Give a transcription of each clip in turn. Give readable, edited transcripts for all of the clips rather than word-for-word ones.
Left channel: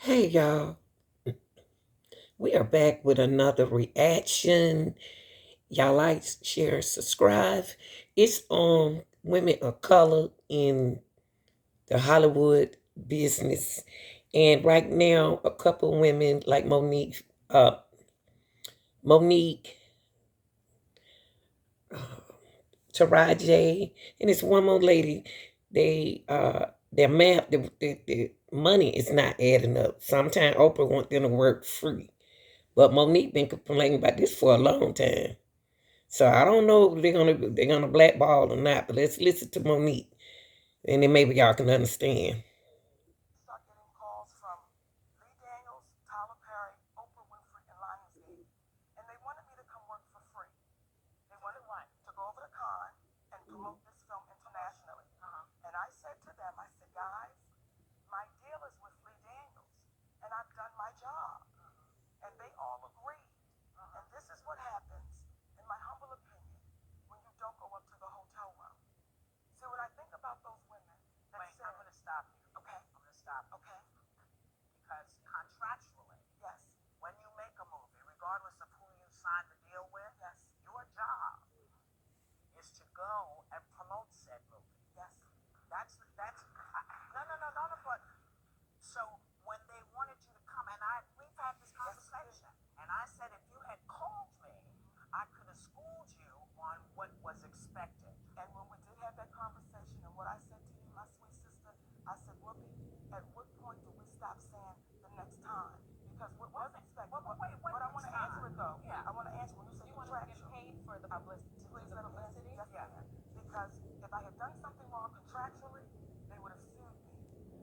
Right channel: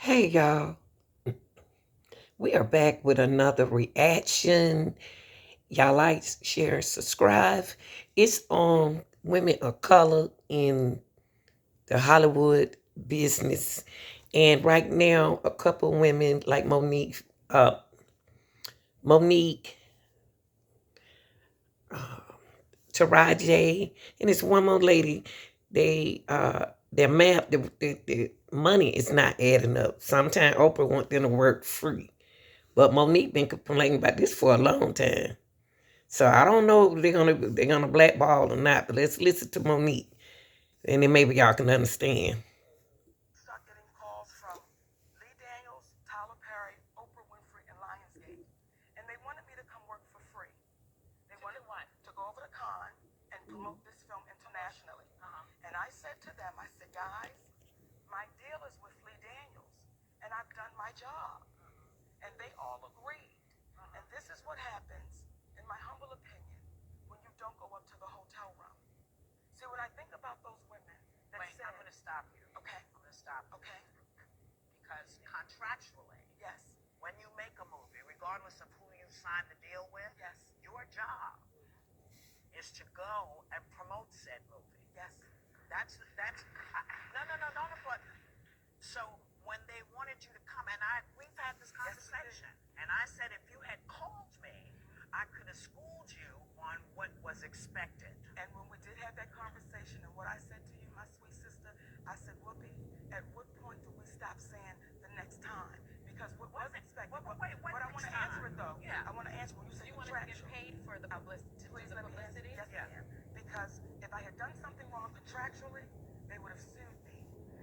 Hey y'all, we are back with another reaction. Y'all like, share, subscribe. It's on women of color in the Hollywood business. And right now, a couple women like Monique, Taraji, and it's one more lady. Their map, the money is not adding up. Sometimes Oprah want them to work free. But Monique been complaining about this for a long time. So I don't know if they're gonna blackball or not, but let's listen to Monique, and then maybe y'all can understand. Start getting calls from Lee Daniels, Tyler Perry, Oprah Winfrey, and Lionsgate. And they wanted me to come work for free. They wanted to go over to Cannes and promote this film internationally. And I said to them, I said, guys, my deal is with Lee Daniels, and I've done my job. And they all agreed. And this is what happens, in my humble opinion, when you don't go up to the hotel room. See, when I think about those women that Wait, said, I'm going to stop you. Okay. I'm going to stop. Okay. Because contractually, yes, when you make a movie, regardless of who you sign the deal with, yes, your job is to go and promote said movie. Yes. That's no, no, no, no, no, but so when they wanted you to come, and we've had this conversation, and I said if you had called me, I could have schooled you on what was expected. And when we did have that conversation, and what I said to you, my sweet sister, I said, Whoopi, at what point do we stop saying the next time? Because what was expected? But I want to answer it though. Yeah, I want to answer when you say you want to get paid for the publicity. Please let me answer. Yes, yeah. Ma'am. Because if I had done something wrong contractually, they would have sued me.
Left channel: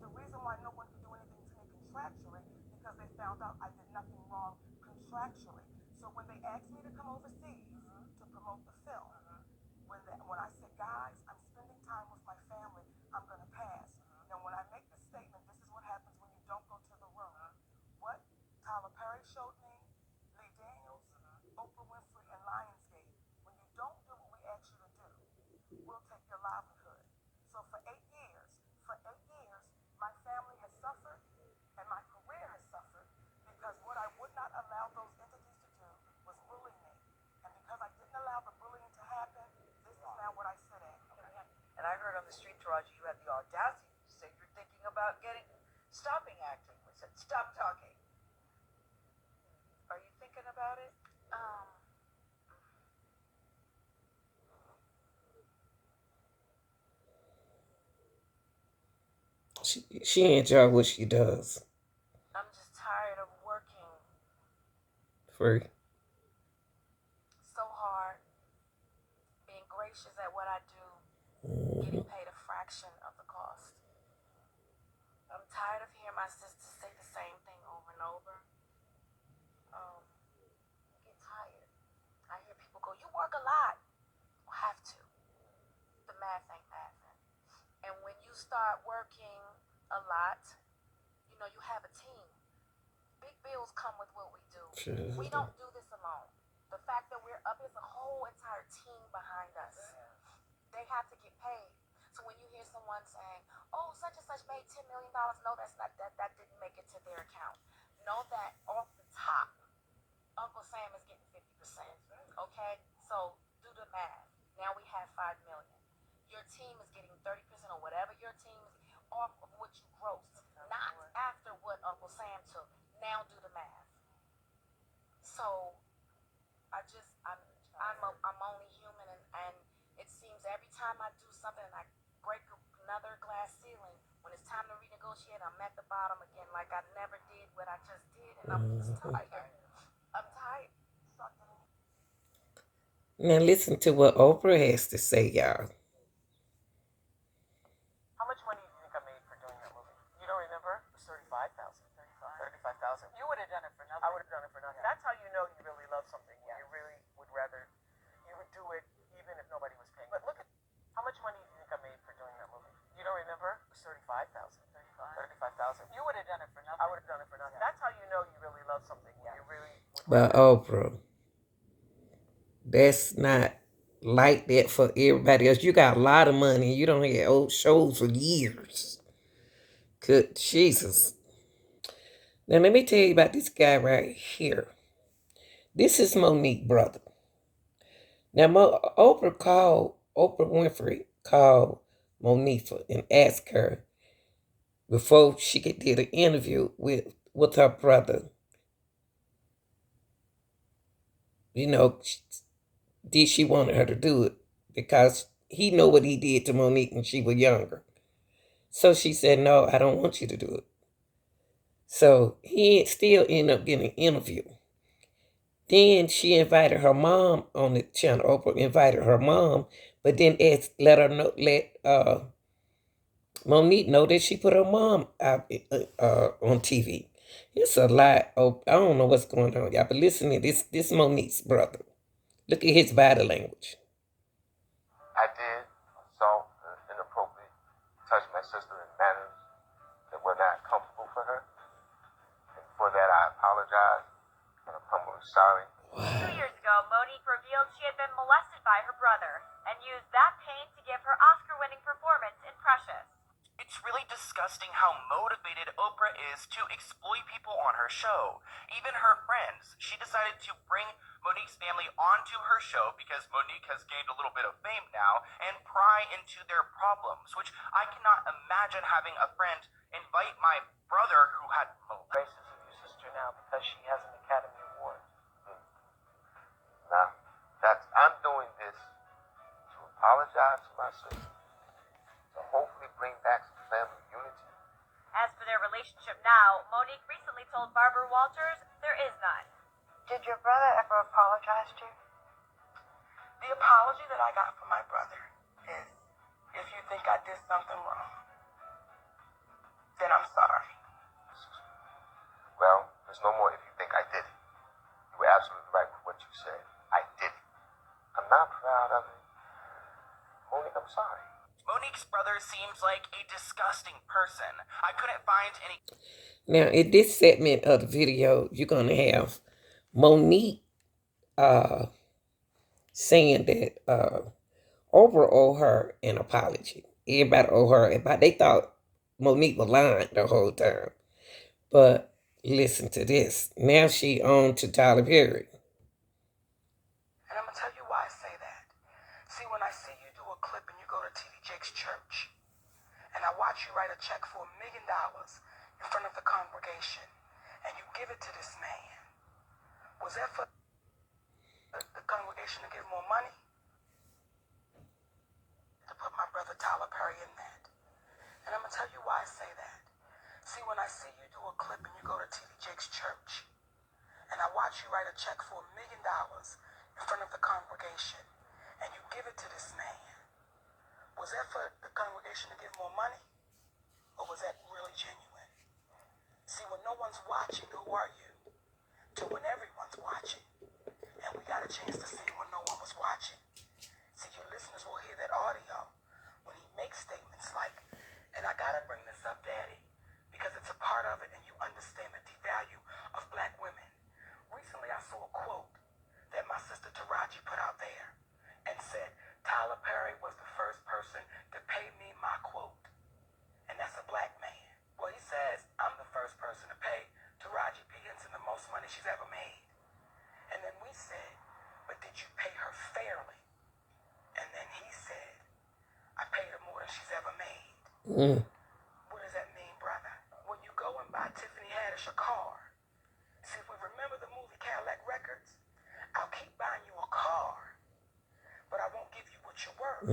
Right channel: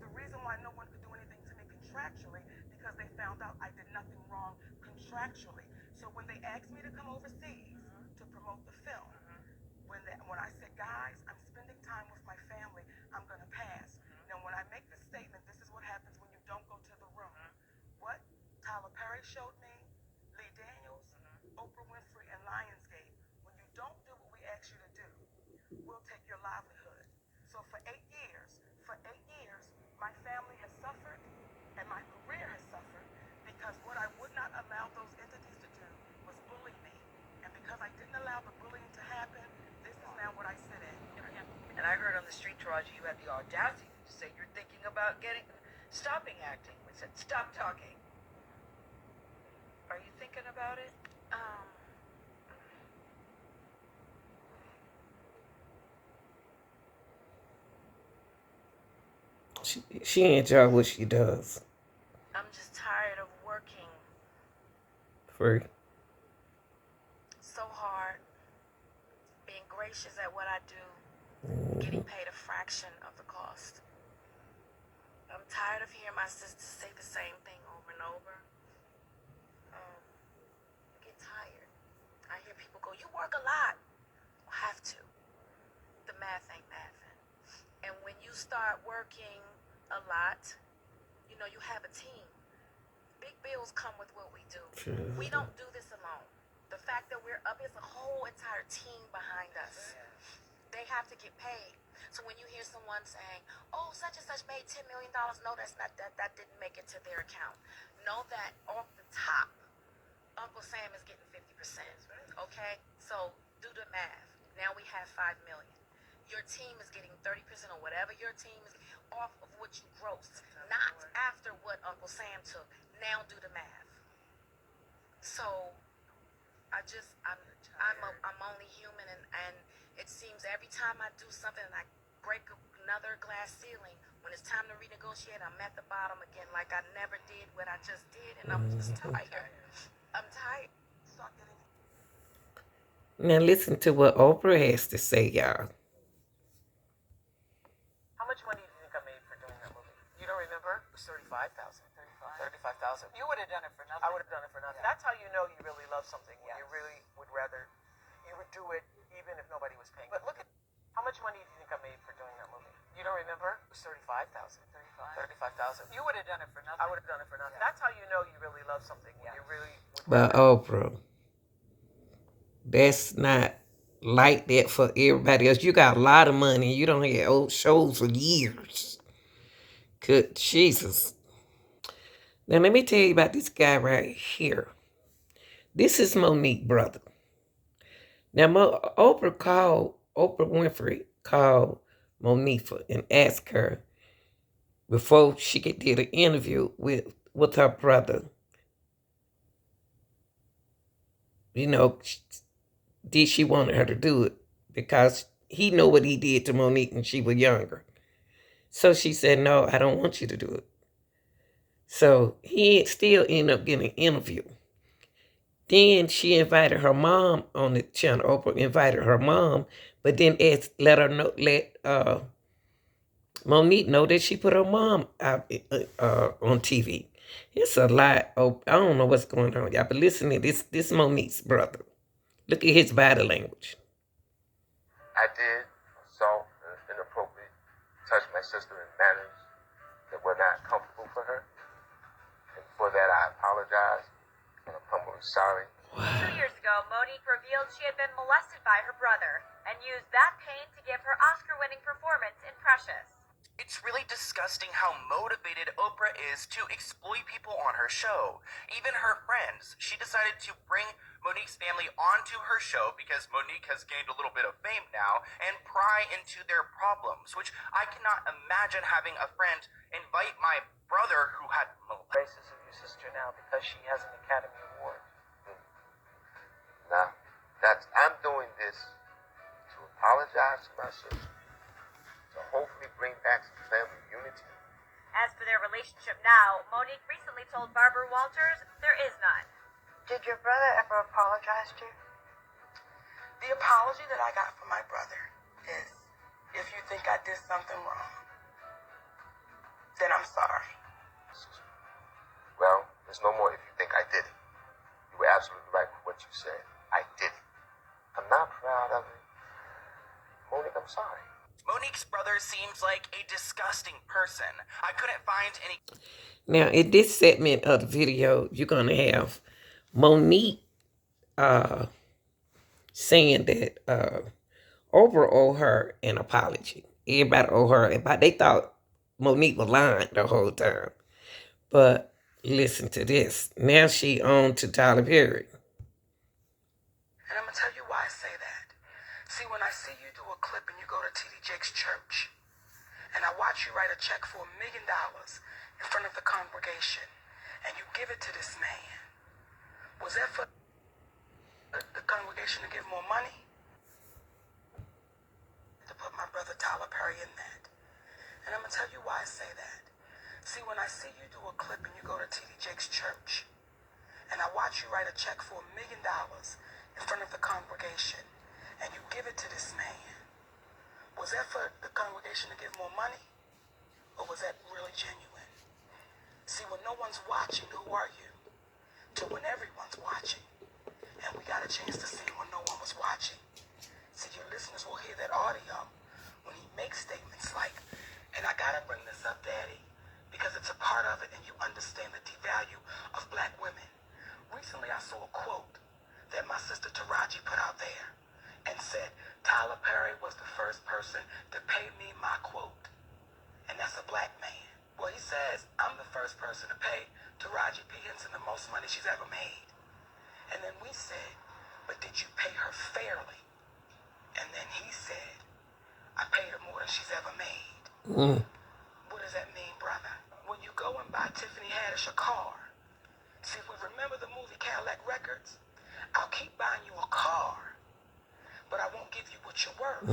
The reason why no one could do anything to me contractually because they found out I did nothing wrong contractually. So when they asked me to come overseas to promote the film, when I said, guys, I'm spending time with my family, I'm gonna pass. Now when I make this statement, this is what happens when you don't go to the room. What Tyler Perry showed me, Lee Daniels, Oprah Winfrey, and Lionsgate. When you don't do what we ask you to do, we'll take your livelihood. So for 8 years, my family has suffered and my career has suffered because what I would not allow those entities to do was bully me. And because I didn't allow the bullying to happen, this is now what I sit in. And I heard on the street, Taraji, you had the audacity to say you're thinking about stopping acting. We said, stop talking. Are you thinking about it? She enjoy what she does. I'm just tired of working Free. so hard, being gracious at what I do, getting paid a fraction of the cost. I'm tired of hearing my sisters say the same thing over and over. I get tired. I hear people go, you work a lot. Well, have to. The math ain't mathing. And when you start working a lot, you have a team. Big bills come with what we do. We don't do this alone. The fact that we're up is a whole entire team behind us. They have to get paid. So when you hear someone saying, "Oh, such and such made $10 million," no, that's not that didn't make it to their account. Know that off the top, Uncle Sam is getting 50%. Okay, so do the math. Now we have 5 million. Your team is getting 30% or whatever your team is off of what you gross, not after what Uncle Sam took. Now do the math. So I'm only human, and it seems every time I do something and I break another glass ceiling, when it's time to renegotiate, I'm at the bottom again, like I never did what I just did, and I'm just tired. I'm tired. Now listen to what Oprah has to say, y'all. How much money do you think I made for doing that movie? You don't remember? It was 35,000. 35,000. You would have done it for nothing. I would have done it for nothing. That's how you know you really love something. When you really would rather, you would do it even if nobody was paying. But look at how much money do you think I made for doing that movie? You don't remember? It was 35,000. 35,000. You would have done it for nothing. I would have done it for nothing. That's how you know you really love something. When you really would. But Oprah, that's not like that for everybody else. You got a lot of money. You don't have old shows for years. Good Jesus. Now, let me tell you about this guy right here. This is Monique's brother. Now, Oprah Winfrey called Monique and asked her before she could do the interview with her brother, you know, did she want her to do it? Because he know what he did to Monique when she was younger. So she said, no, I don't want you to do it. So he still ended up getting an interview. Then she invited her mom on the channel. Oprah invited her mom, but then let Monique know that she put her mom out on TV. It's a lot. Oh, I don't know what's going on, y'all. But listen to this. This Monique's brother. Look at his body language. I did assault and inappropriately touch my sister in manners that were not comfortable for her. And for that, I apologize, and I'm humbly sorry. Wow. 2 years ago, Monique revealed she had been molested by her brother and used that pain to give her Oscar-winning performance in Precious. It's really disgusting how motivated Oprah is to exploit people on her show. Even her friends. She decided to bring Monique's family onto her show because Monique has gained a little bit of fame now and pry into their problems, which I cannot imagine having a friend invite my brother who had Basis of your sister now because she has an Academy Award. Now, I'm doing this to apologize to my sister, to hopefully bring back some family unity. As for their relationship now, Monique recently told Barbara Walters there is none. Did your brother ever apologize to you? The apology that I got from my brother is, if you think I did something wrong, then I'm sorry. Well, there's no more if you think I did it. You were absolutely right with what you said. I did it. I'm not proud of it. Monique, I'm sorry. Monique's brother seems like a disgusting person. I couldn't find any. Now, in this segment of the video, you're going to have Monique saying that Oprah owe her an apology. Everybody owe her. They thought Monique was lying the whole time. But listen to this. Now she on to Tyler Perry. And I'm going to tell you why I say that. See, when I see you do a clip and you go to T.D. Jakes' church, and I watch you write a check for $1 million in front of the congregation, and you give it to this man, was that for the congregation to give more money? To put my brother Tyler Perry in that. And I'm going to tell you why I say that. See, when I see you do a clip and you go to T.D. Jakes' church, and I watch you write a check for $1 million in front of the congregation, and you give it to this man, was that for the congregation to give more money? Or was that really genuine? See, when no one's watching, who are you? To when everyone's watching. And we got a chance to see when no one was watching. See, your listeners will hear that audio when he makes statements like, and I gotta bring this up, Daddy, because it's a part of it and you understand the devalue of black women. Recently, I saw a quote that my sister Taraji put out there and said, Tyler Perry was the first person to pay me my quote. And that's a black man. Well, he says, I'm the first person to pay Taraji P. Henson the most money she's ever made. And then we said, but did you pay her fairly? And then he said, I paid her more than she's ever made. What does that mean, brother? When you go and buy Tiffany Haddish a car, see, we remember the movie Cadillac Records? I'll keep buying you a car, but I won't give you what you're worth.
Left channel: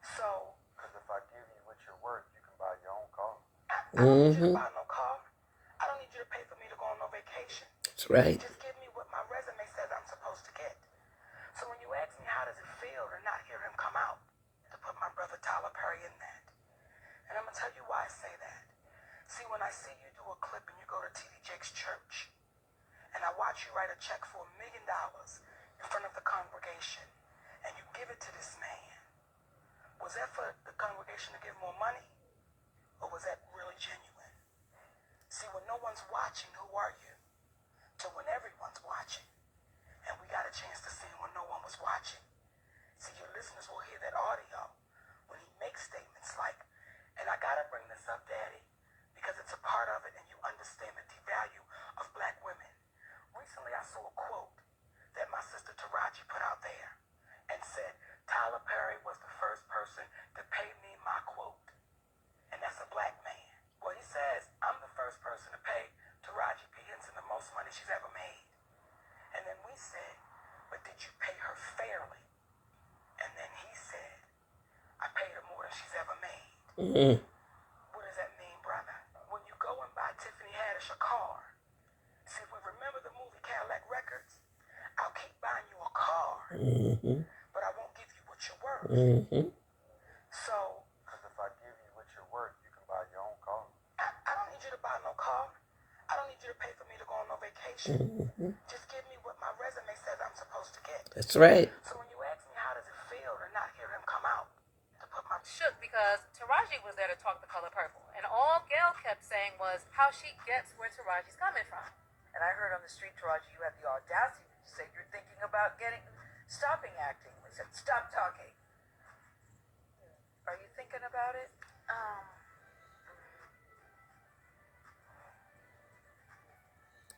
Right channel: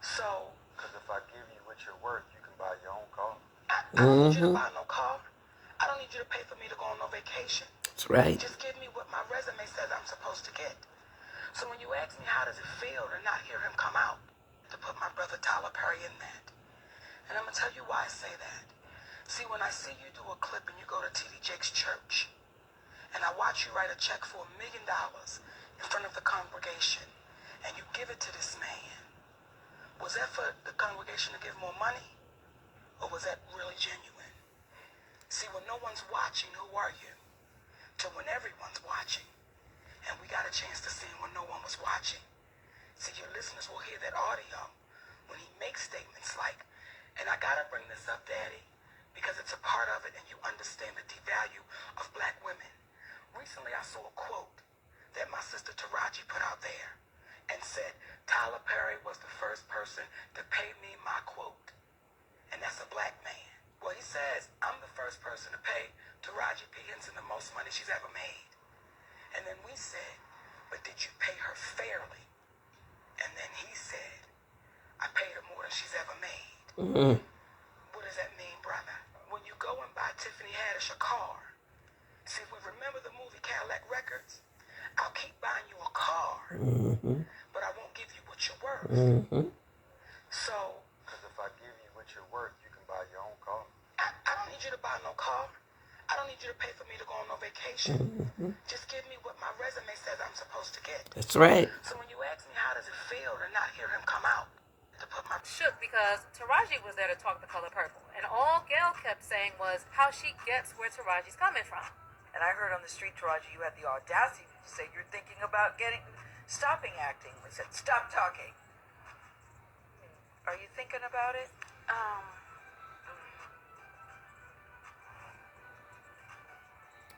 So, Because if I give you what you're worth, you can buy your own car. I don't need you to buy no car. I don't need you to pay for me to go on no vacation. That's right. Just give me what my resume says I'm supposed to get. So when you ask me how does it feel to not hear him come out, to put my brother Tyler Perry in that. And I'm going to tell you why I say that. See, when I see you do a clip and you go to T.D. Jakes' church, and I watch you write a check for $1 million in front of the congregation, and you give it to this man, was that for the congregation to give more money? Or was that really genuine? See, when no one's watching, who are you? To when everyone's watching. And we got a chance to see when no one was watching. See, your listeners will hear that audio when he makes statements like, and I gotta bring this up, Daddy, because it's a part of it and you understand understand the devalue of black women. Recently, I saw a quote that my sister Taraji put out there and said, Tyler Perry was the first person to pay me my quote. And that's a black man. Well, he says, I'm the first person to pay Taraji P. Henson the most money she's ever made. And then we said, but did you pay her fairly? And then he said, I paid her more than she's ever made. Mm-hmm. What does that mean, brother? When you go and buy Tiffany Haddish a car, see, if we remember the movie Cadillac Records, I'll keep buying you a car, but I won't give you what you're worth. So, Because if I give you what you're worth, you can buy your own car. I don't need you to buy no car. I don't need you to pay for me to go on no vacation. Just give me what my resume says I'm supposed to get. That's right. So when you ask me how does it feel to not hear him come out, to put my Shook because Taraji was there to talk the color purple, and all Gail kept saying was how she gets where Taraji's coming from. And I heard on the street, Taraji, you had the audacity to say you're thinking about stopping acting. We said, stop talking. Are you thinking about it?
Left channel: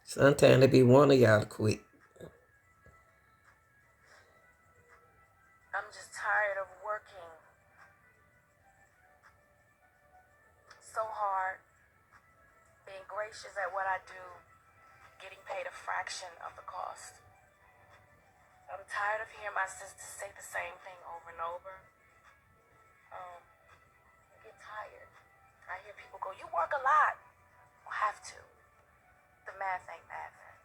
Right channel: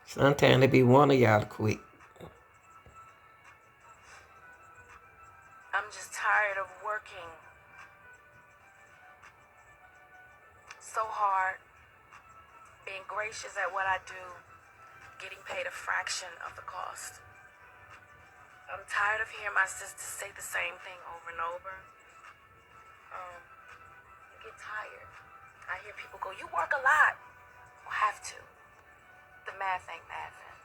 Sometimes it be one of y'all to quit. I'm just tired of working so hard, being gracious at what I do, getting paid a fraction of the cost. I'm tired of hearing my sister say the same thing over and over. You get tired. I hear people go, you work a lot. Well, have to. The math ain't mathing.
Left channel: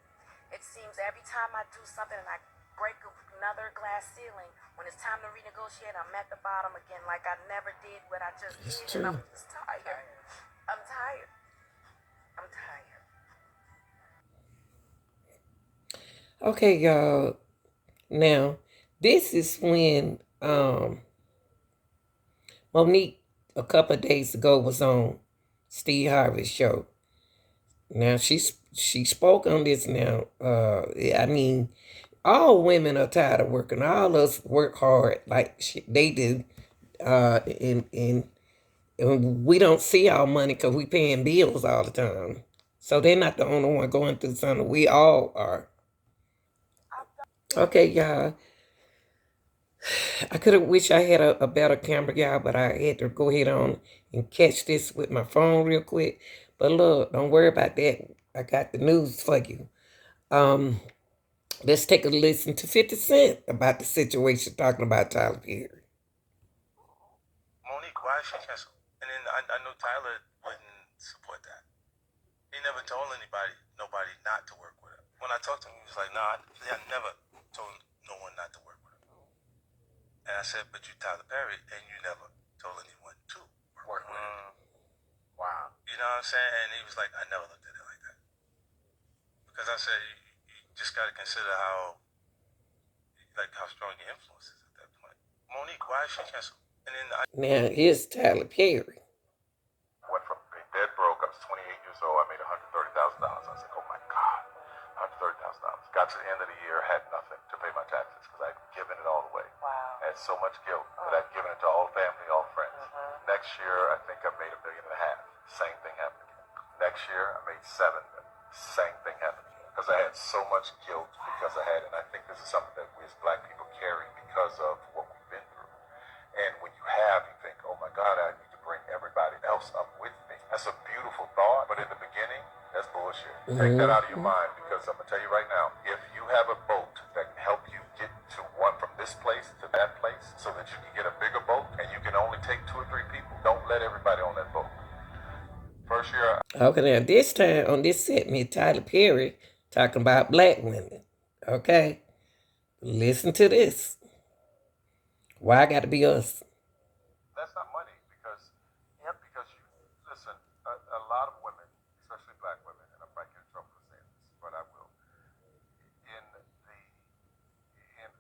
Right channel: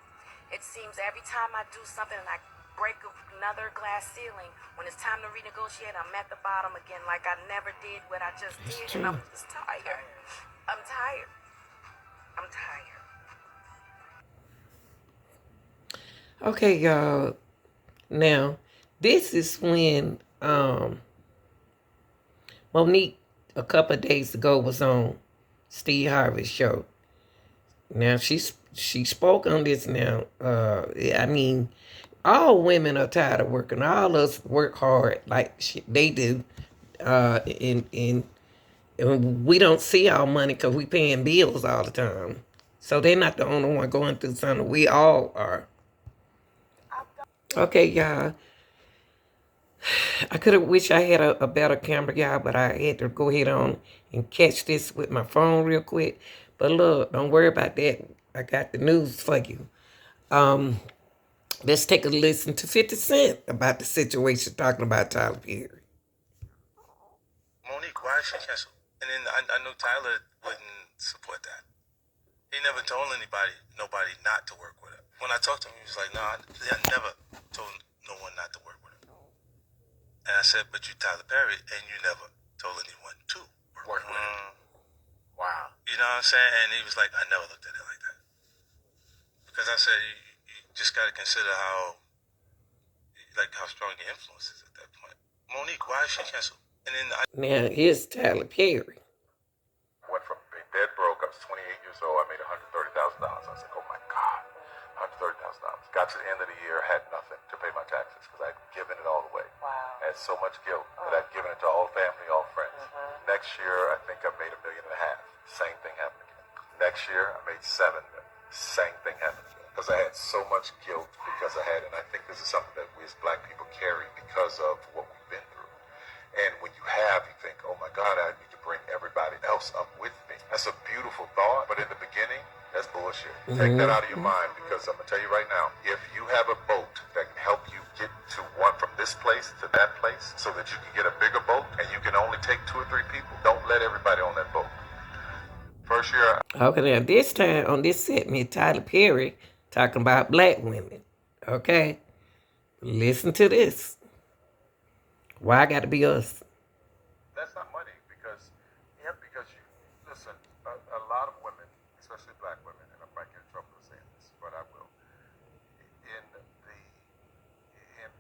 It seems every time I do something and I break another glass ceiling, when it's time to renegotiate, I'm at the bottom again like I never did what I just It's did. And I'm true. just tired. I'm tired. I'm tired. Okay, y'all. Now, this is when Monique a couple of days ago was on Steve Harvey's show. Now she spoke on this now. I mean, all women are tired of working. All of us work hard like they do. And we don't see our money because we paying bills all the time. So they're not the only one going through something. We all are. Okay, y'all. I could have wished I had a better camera, y'all, but I had to go ahead on and catch this with my phone real quick. But look, don't worry about that. I got the news for you. Let's take a listen to 50 Cent about the situation talking about Tyler Perry. Monique, why is she canceled? And then I know Tyler wouldn't support that. He never told nobody not to work with her. When I talked to him, he was like, "No, I never told no one not to work with her." And I said, "But you Tyler Perry, and you never told anyone to work with her." Wow. You know what I'm saying? And he was like, "I never looked at it like that." Because I said, you just got to consider how strong your influence is at that point. Monique, why is she canceled? And then Now, here's Tyler Perry. went from being dead broke. I was 28 years old. I made $130,000. I said, oh my God, $130,000. Got to the end of the year, had nothing to pay my taxes because I'd given it all away. Wow. I had so much guilt that I'd given it to all family, all friends. Next year, I think I made $1.5 million. Same thing happened again. Next year, I made $7 million. Same thing happened again. Because I had so much guilt because I had, and I think this is something that we as black people carry because of what we've been through. And when you have, you think, oh my God, I need to bring everybody else up with me. That's a beautiful thought, but in the beginning, that's bullshit. Take that out of your mind because I'm going to tell you right now, if you have a boat that can help you get to from this place to that place so that you can get a bigger boat and you can only take 2 or 3 people, don't let everybody on that boat. First year. Okay, now this time on this segment, Tyler Perry talking about black women. Okay? Listen to this. Why I got to be us? That's not money because you listen, a lot of women, especially black women, and I might get in trouble for saying this, but I will.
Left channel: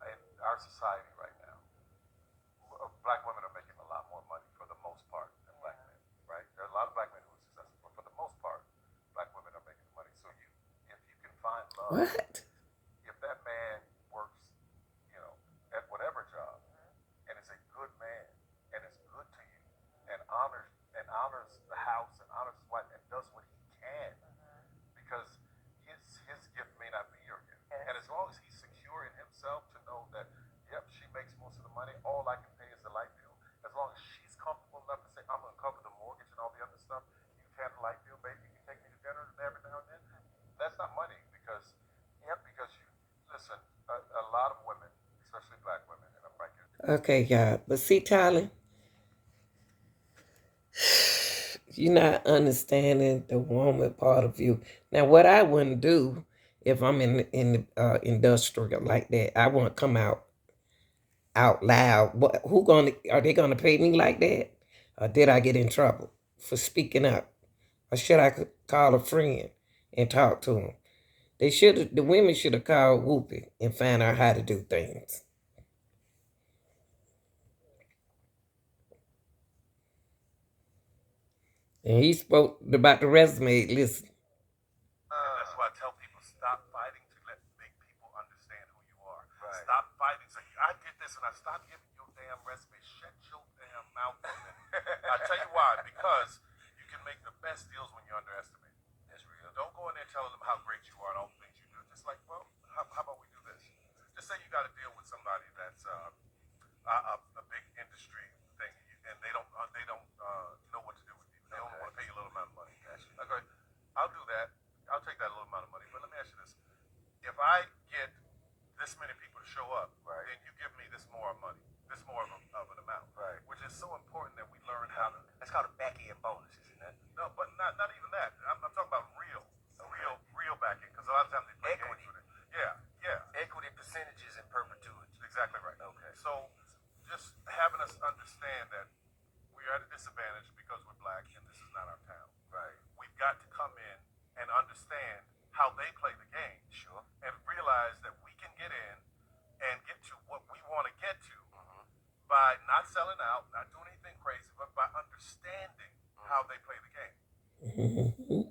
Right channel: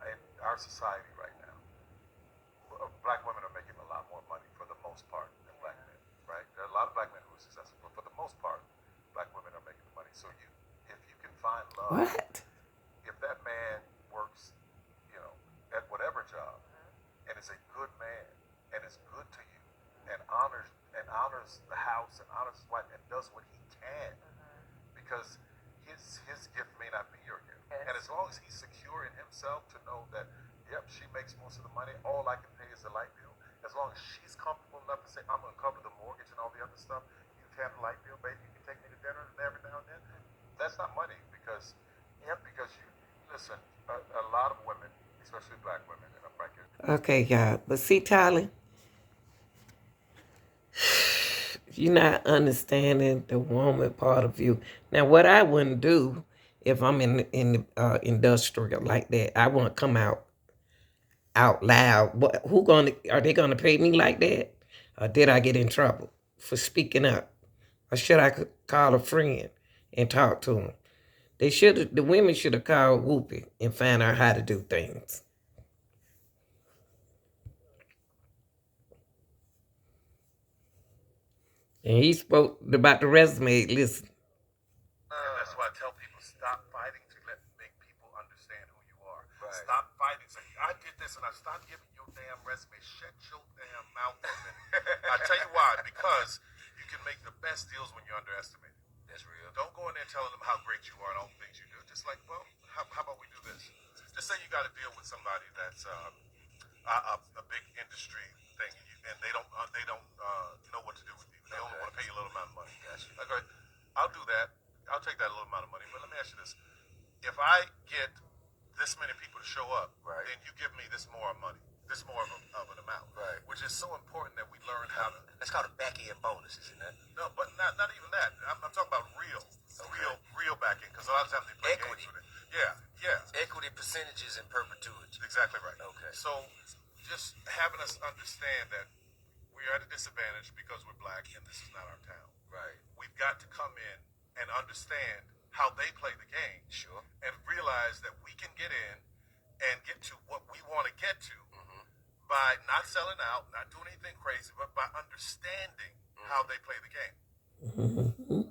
In our society right now, black women are making a lot more money for the most part than black men, right? There are a lot of black men who are successful, but for the most part, black women are making money. So if you can find love, What? if that man works, at whatever job, and is a good man, and is good to you, and honors the house, and honors his wife, and does what he can because his gift may not be your gift. And as long as he's secure in himself to know that, yep, she makes most of the money, all I can pay is the light bill. As long as she's comfortable enough to say, I'm going to cover the mortgage and all the other stuff, you can have the light bill, baby, you can take me to dinner and every now and then. That's not money because you listen, a lot of women, especially black women, and I'm right here. Okay, y'all. But see, Tyler, you're not understanding the woman part of you. Now, what I wouldn't do if I'm in the industrial like that, I won't come out loud. What? Are they gonna pay me like that? Or did I get in trouble for speaking up? Or should I call a friend and talk to them? The women should have called Whoopi and find out how to do things. And he spoke about the resume. Listen. And that's why I tell people, stop fighting to make people understand who you are. Right. Stop fighting. Say, I did this and I stopped giving you a damn resume. Shut your damn mouth for a minute. I tell you why. Because you can make the best deals when you're underestimated. That's real. Don't go in there telling them how great you are and all the things you do. Just like, well, how about we do this? Just say you got to deal with somebody that's a big industry thing, and they don't know what to do with you. They only want to pay you a little amount of money. Gotcha. Okay, I'll do that. I'll take that little amount of money. But let me ask you this: if I get this many people to show up, right, then you give me this more money, this more of an amount, right? Which is so important that we learn how to. That's called a back end bonus, isn't that? No, but not even that. I'm talking about real, okay, real back end, because a lot of times they play equity games with it. Yeah. Equity percentages in perpetuity. Exactly right. Okay. So just having us understand that we are at a disadvantage because we're black and this is not our town. Right. We've got to come in and understand how they play the game. Sure. And realize that we can get in and get to what we want to get to, mm-hmm, by not selling out, not doing anything crazy, but by understanding, mm-hmm, how they play the game. Mm-hmm.